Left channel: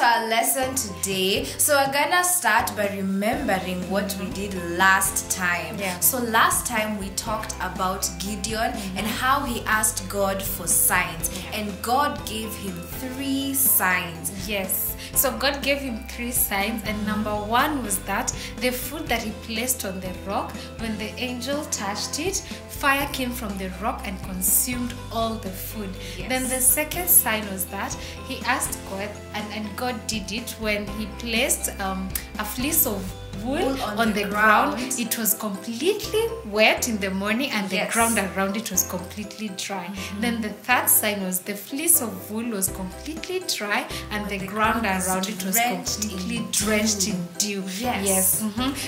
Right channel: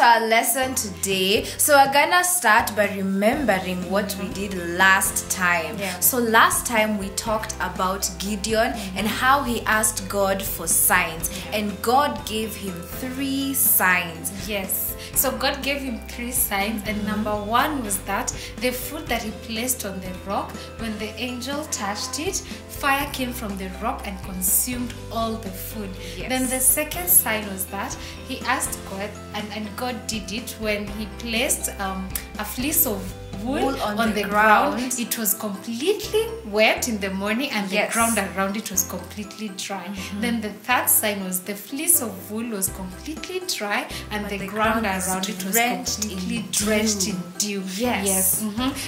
to our lesson today. So we're gonna start by remembering what we did last time. So last time we talked about Gideon and how he asked God for signs, and God gave him 3 signs. Yes. So God gave him 3 signs, and number 1 was that the food that he placed on the rock, when the angel touched it, fire came from the rock and consumed all the food. Then the second sign was that he asked God, and God did it when he placed a fleece of wool on the ground. It was completely wet in the morning, and the ground around it was completely dry. Then the third sign was the fleece of wool was completely dry, and the ground around it was completely drenched in dew.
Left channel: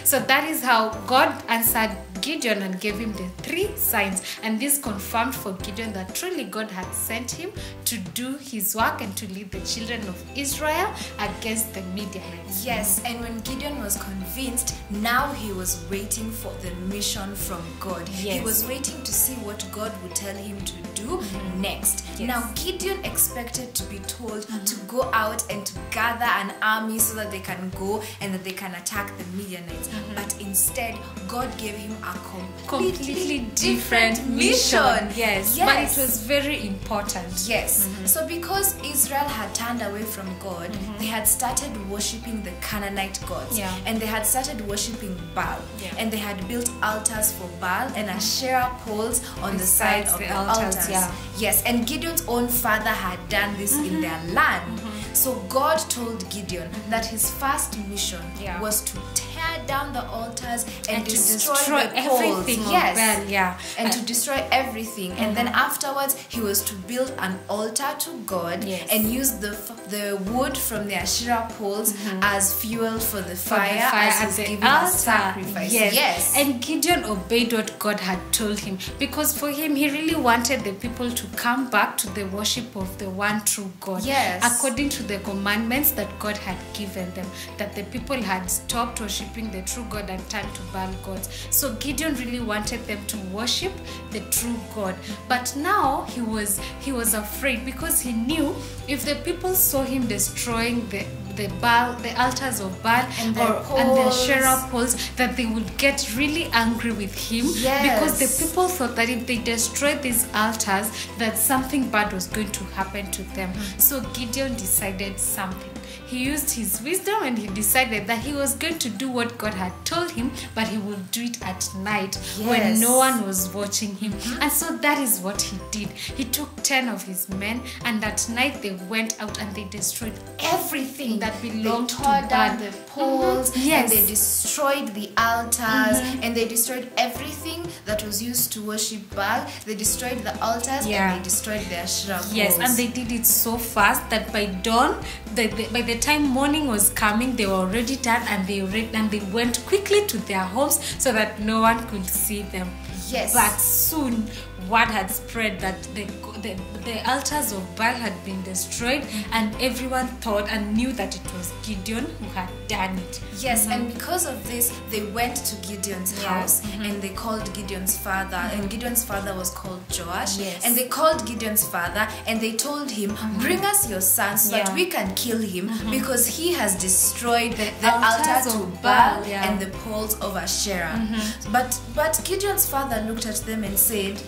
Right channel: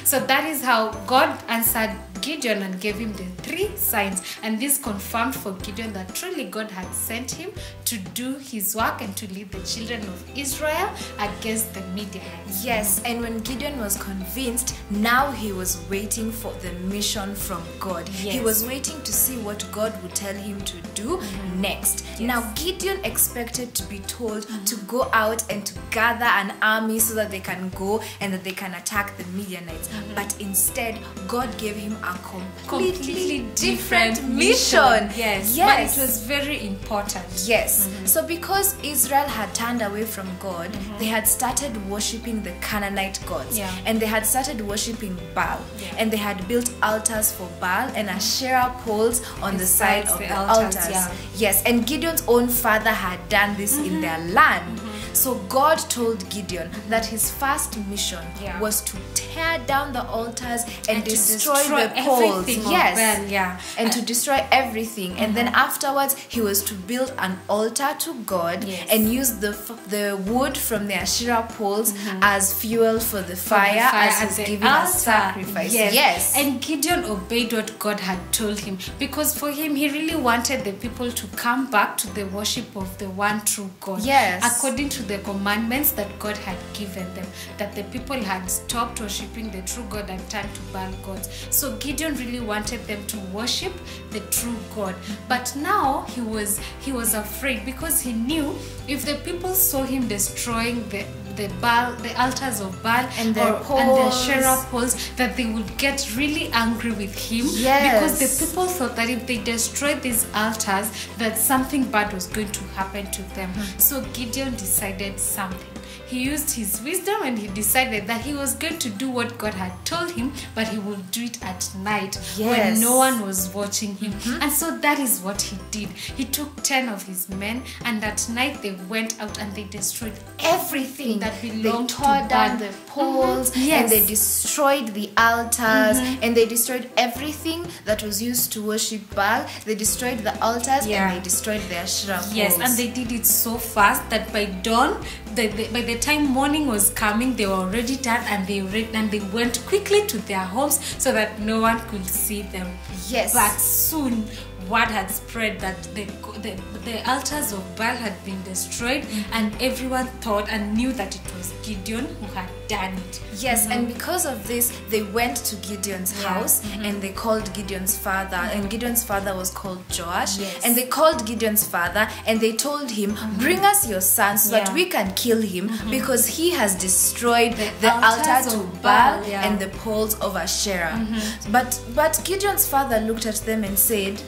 So that is how God answered Gideon and gave him the 3 signs, and this confirmed for Gideon that truly God had sent him to do his work and to lead the children of Israel against the Midianites. And when Gideon was convinced, now he was waiting for the mission from God. He was waiting to see what God would tell him to do next. Now Gideon expected to be told to go out and to gather an army so that they can go and that they can attack the Midianites, but instead God gave him a completely different mission. But it was very important. So because Israel had turned away from God, they had started worshipping the Canaanite gods, and they had started worshipping Baal, and they had built altars for Baal and Asherah poles on the side of the altars. And Gideon's own father had done this in their land. So God told Gideon that his first mission was to tear down the altars and destroy the poles. And to destroy everything. And then afterwards, he was to build an altar to God and use the wood from the Asherah poles as fuel for the fire, as he's giving a sacrifice. And Gideon obeyed what God had told him, because for him, he really wanted the people to come back to the worship of the one true God. According to the commandments that God had given them, that the people had stopped worshiping the true God and turned to Baal gods. So Gideon really wanted them to worship the true God. But now he was afraid, because he knew if the people saw him destroying the altars of Baal and the Asherah poles, that they would get really angry with him, because the people thought that if they destroyed these altars, that something bad was going to happen to them. So Gideon decided something. He used his wisdom and he decided that he was going to do what God had told him, but he would do it at night when no one was watching him. And so that is what he did. He took 10 of his men, and at night they went out and they destroyed everything that belonged to Baal. They tore down the poles, and they destroyed the altars, and they destroyed everything that was used to worship Baal. They destroyed the altars and they destroyed the Asherah poles. And they did it so fast that by dawn, by the time morning was coming, they were already done, and they went quickly to their homes so that no one could see them. But soon word had spread that the altars of Baal had been destroyed, and everyone thought and knew that it was Gideon who had done it. And because of this, they went to Gideon's house and they called Gideon's father, and Gideon's father was called Joash. And they called Gideon's father and they told him, bring us your son so that we can kill him, because he has destroyed the altar to Baal and the poles of Asherah. But Gideon's father looked at them and said,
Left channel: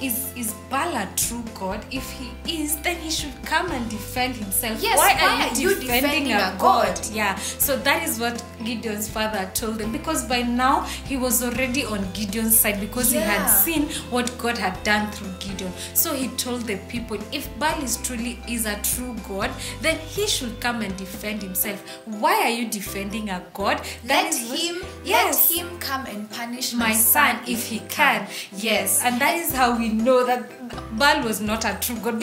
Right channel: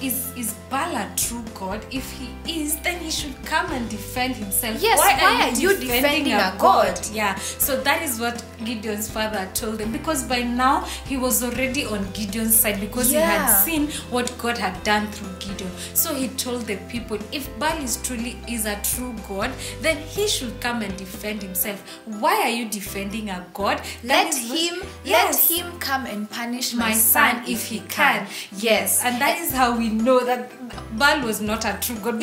Is Baal a true God? If he is, then he should come and defend himself. Why are you defending a God? So that is what Gideon's father told him, because by now he was already on Gideon's side, because he had seen what God had done through Gideon. So he told the people, if Baal truly is a true God, then he should come and defend himself. Why are you defending a God? Let him come and punish my son if he can. And that is how we know that Baal was not a true God,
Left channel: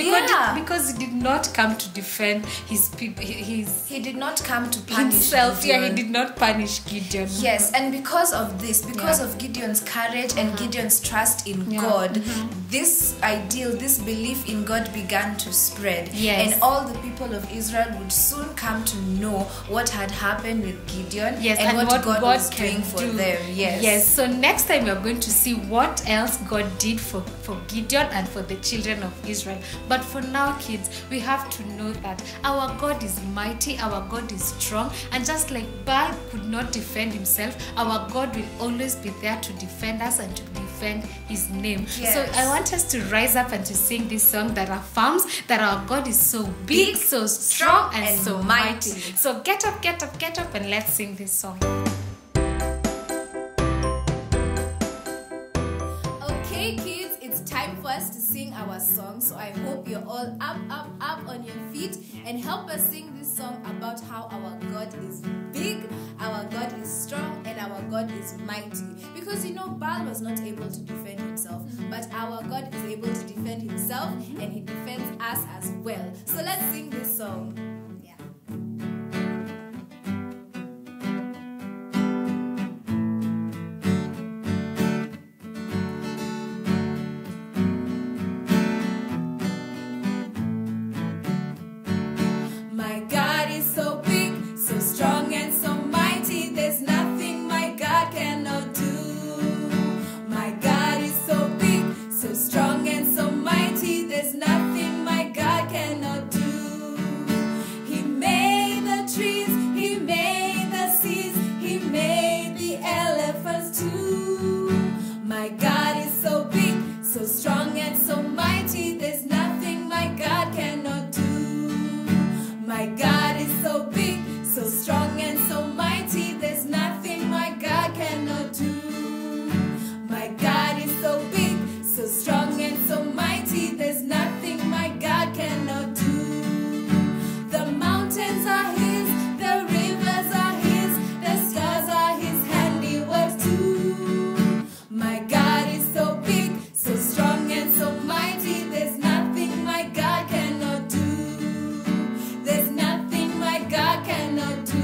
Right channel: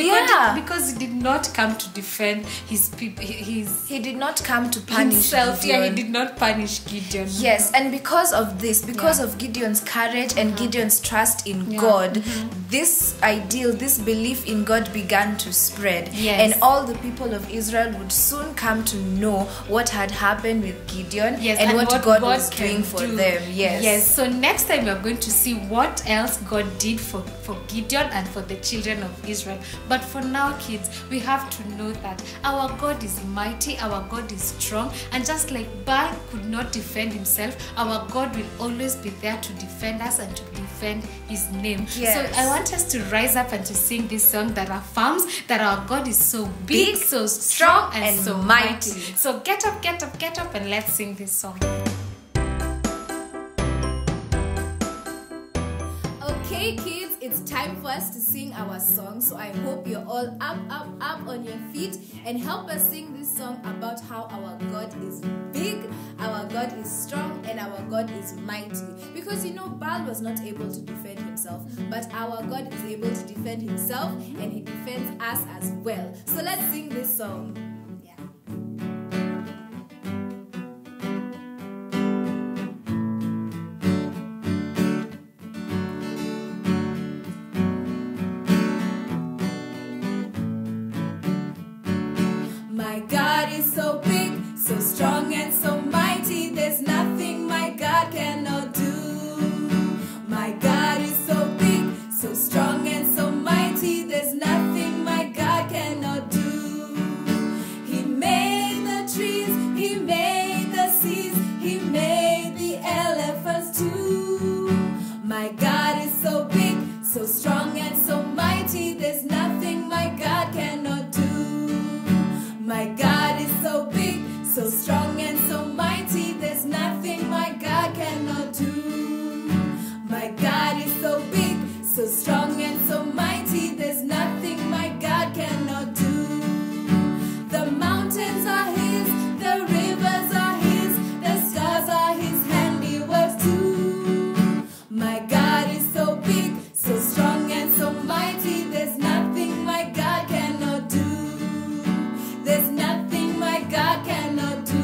because he did not come to defend his people. He did not come to punish himself. Gideon. He did not punish Gideon. And because of this, because of Gideon's courage and Gideon's trust in God, this ideal, this belief in God began to spread. And all the people of Israel would soon come to know what had happened with Gideon and what God was doing for them. So next time we are going to see what else God did for for Gideon and for the children of Israel. But for now, kids, we have to know that our God is mighty, our God is strong, and just like Baal could not defend himself, our God will always be there to defend us and to defend his name. Yes. So I want us to rise up and to sing this song that affirms that our God is so big, so strong, and so mighty. So get up, and let's sing this song. Okay, kids, it's time for us to sing our song. So I hope you're all up on your feet and help us sing this song about how our God is big, our God is strong, and our God is mighty. Because Baal was not able to defend himself, but our God is able to defend himself, and he defends us as well. So let's sing this song. My God is so big, so strong, and so mighty. There's nothing my God cannot do. My God is so big, so strong, and so mighty. There's nothing my God cannot do. He made the trees, he made the seas, he made the elephants too. My God is so big, so strong, and so mighty. There's nothing my God cannot do. My God is so big, so strong, and so mighty. There's nothing my God cannot do. My God is so big, so strong, and so mighty. There's nothing my God cannot do. The mountains are his, the rivers are his, the stars are his handiwork too. My God is so big, so strong, and so mighty. There's nothing my God cannot do. There's nothing my God cannot do.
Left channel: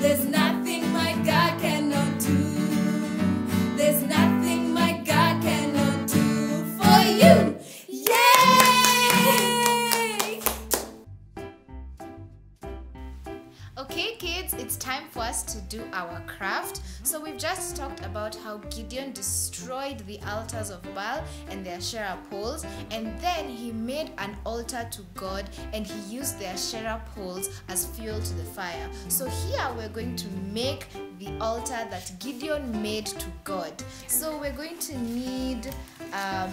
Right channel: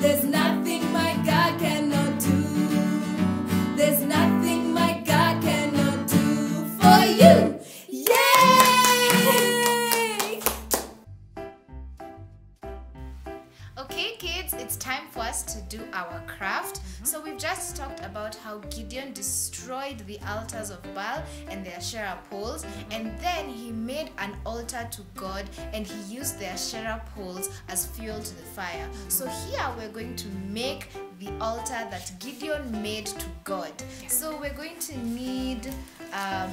There's nothing my God cannot do. There's nothing my God cannot do for you. Yay! Okay, kids, it's time for us to do our craft. So we've just talked about how Gideon destroyed the altars of Baal and the Asherah poles, and then he made an altar to God, and he used the Asherah poles as fuel to the fire. So here we're going to make the altar that Gideon made to God. So we're going to need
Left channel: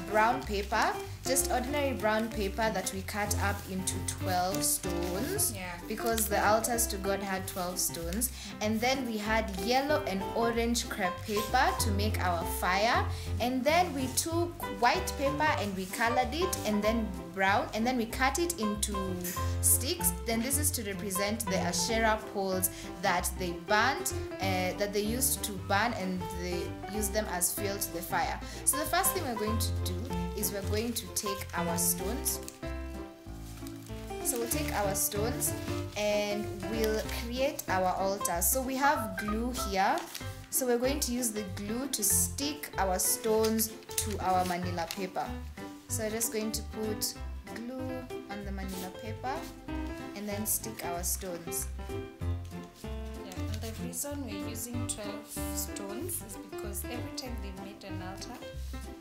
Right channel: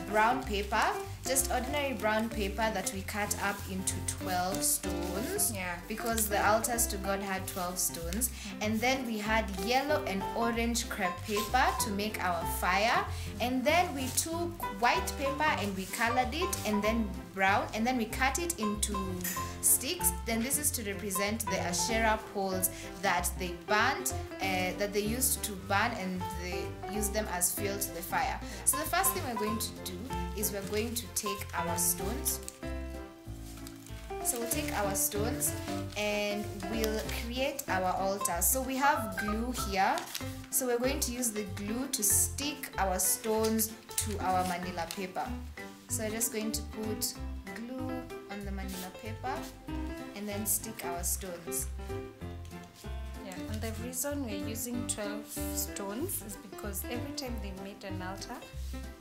brown paper, just ordinary brown paper that we cut up into 12 stones, because the altars to God had 12 stones. And then we had yellow and orange crepe paper to make our fire, and then we took white paper and we colored it, and then brown, and then we cut it into sticks. Then this is to represent the Asherah poles that they burnt, that they used to burn, and they used them as fuel to the fire. So the first thing we're going to do is we're going to take our stones. So we'll take our stones and we'll create our altar. So we have glue here, so we're going to use the glue to stick our stones to our manila paper. So we're just going to put glue on the manila paper and then stick our stones. And the reason we're using 12 stones is because every time they made an altar,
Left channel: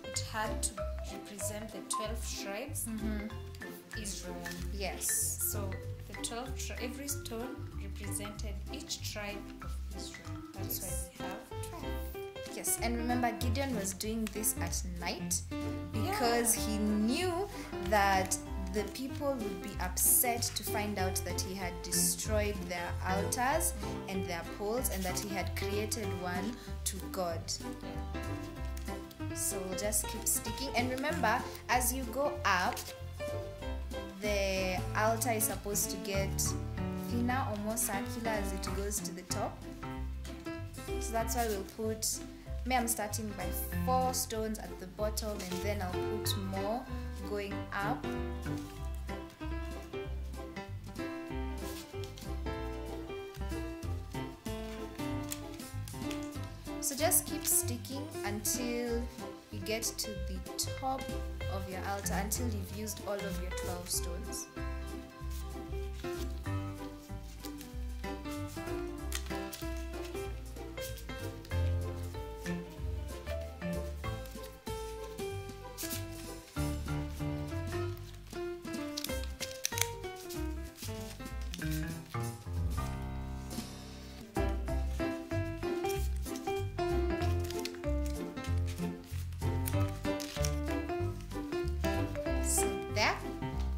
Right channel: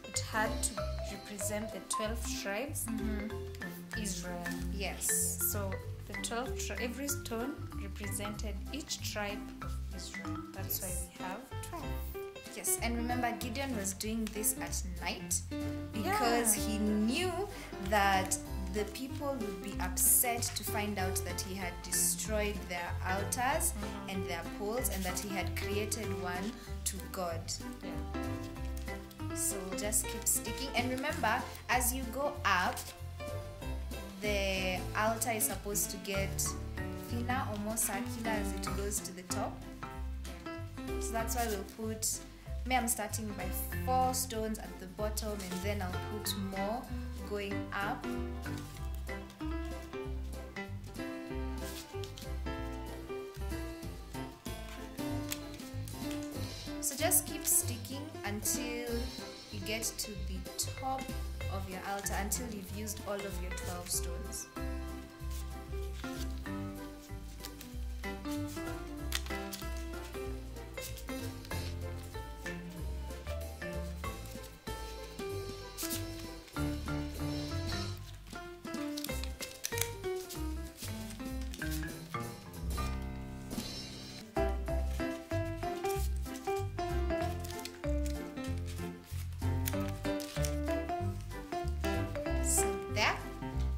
it had to represent the 12 tribes of Israel. Yes. So the 12 every stone represented each tribe of Israel. That's why we have 12. Yes, and remember, Gideon was doing this at night because he knew that the people would be upset to find out that he had destroyed their altars and their poles, and that he had created one to God. So just keep sticking, and remember, as you go up, the altar is supposed to get thinner or more circular as it goes to the top. So that's why we'll put, I'm starting by 4 stones at the bottom, and then I'll put more going up. So just keep sticking until you get to the top of your altar, until you've used all of your 12 stones. there.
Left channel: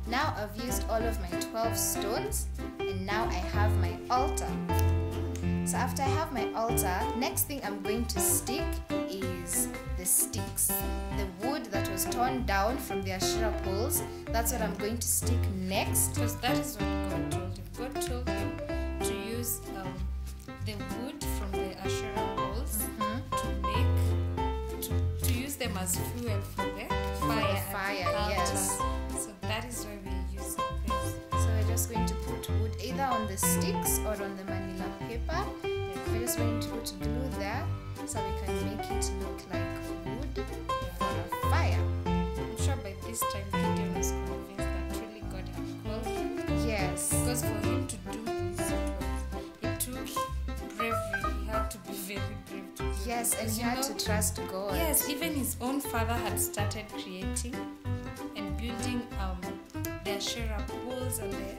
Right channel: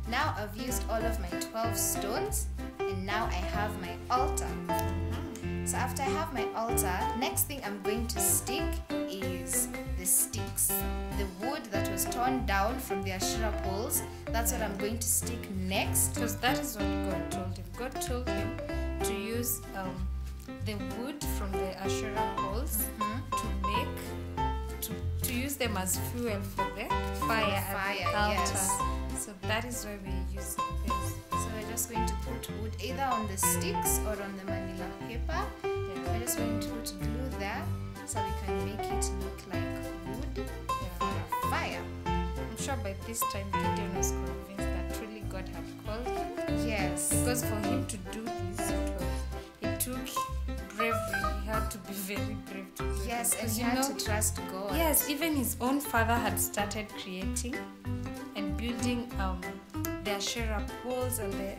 Now I've used all of my 12 stones, and now I have my altar. So after I have my altar, next thing I'm going to stick is the sticks. The wood that was torn down from the Asherah poles, that's what I'm going to stick next. Because that is what God told him. God told him to use the wood from the Asherah poles to use them as fuel for the fire at the altar. Yes. So that is why we are using this. So we're just going to put wood either on the sticks or on the manila paper. Yeah. We're just going to put glue there so we can make it look like wood for a fire. I'm sure by this time Gideon was convinced that truly God had called him. Yes. Because for him to do this, it took bravery. He had to be very brave to do this. Yes, and he had to trust God. Yes, even his own father had started creating and building the Asherah poles and the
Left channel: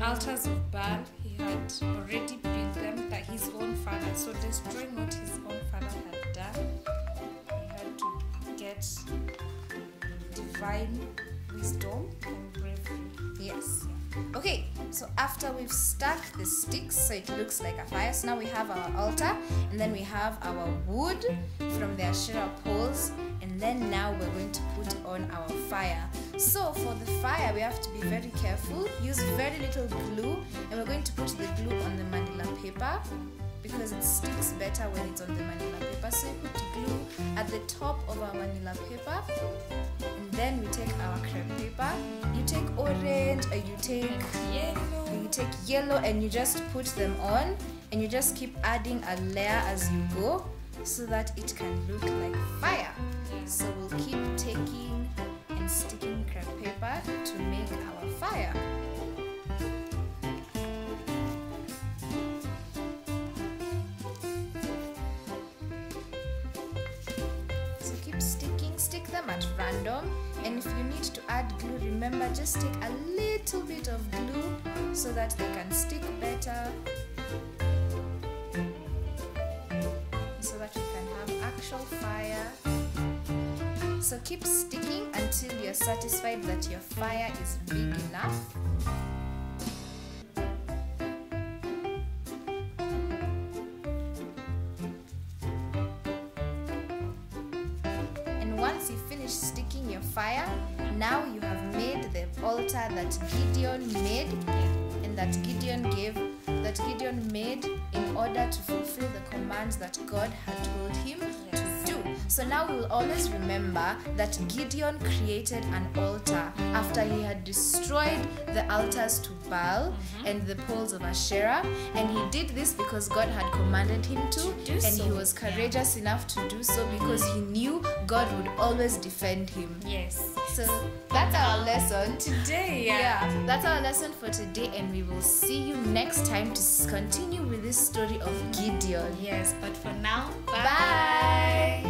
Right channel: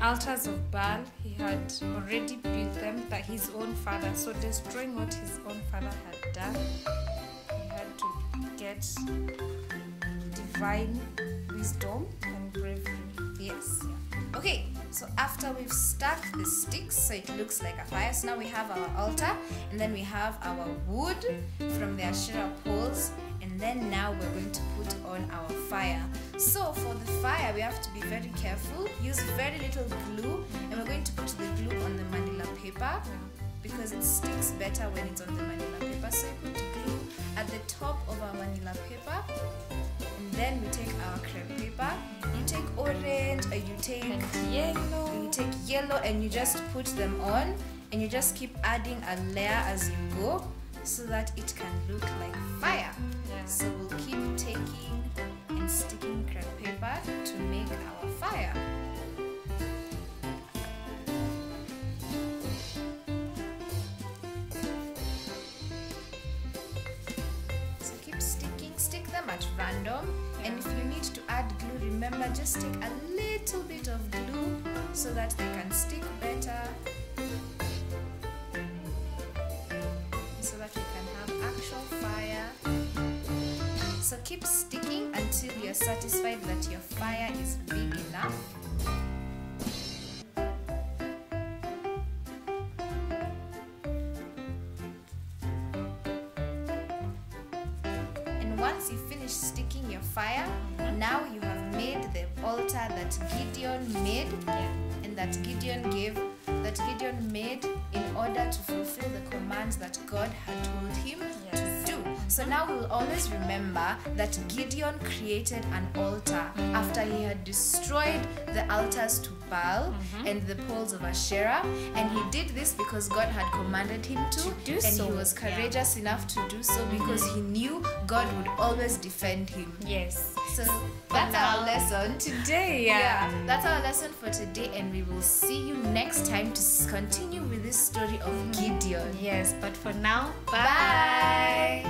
altars of Baal. He had already built them by his own father. So destroying what his own father had done, he had to get divine wisdom and bravery. Yes. Okay, so after we've stuck the sticks so it looks like a fire, so now we have our altar, and then we have our wood from the Asherah poles, and then now we're going to put on our fire. So for the fire, we have to be very careful. Use very little glue, and we're going to put the glue on the manila paper because it sticks better when it's on the manila paper. So we put glue at the top of our manila paper, and then we take our crepe paper. You take orange or you take yellow. You take yellow and you just put them on, and you just keep adding a layer as you go so that it can look like fire. Yeah. So we'll keep taking and sticking crepe paper to make our fire. So keep sticking, stick them at random. And if you need to add glue, remember, just take a little bit of glue so that they can stick better, so that we can have actual fire. So keep sticking until you're satisfied that your fire is big enough. And once you finish sticking your fire, now you have made the altar that Gideon made, and that Gideon made in order to fulfill the commands that God had told him to do. So now we will always remember that Gideon created an altar after he had destroyed the altars to Baal and the poles of Asherah, and he did this because God had commanded him to do and so. He was courageous enough to do so because he knew God would always defend him. Yes. So that's our lesson today. That's our lesson for today, and we will see you next time to continue with this story of Gideon. Yes, but for now, bye.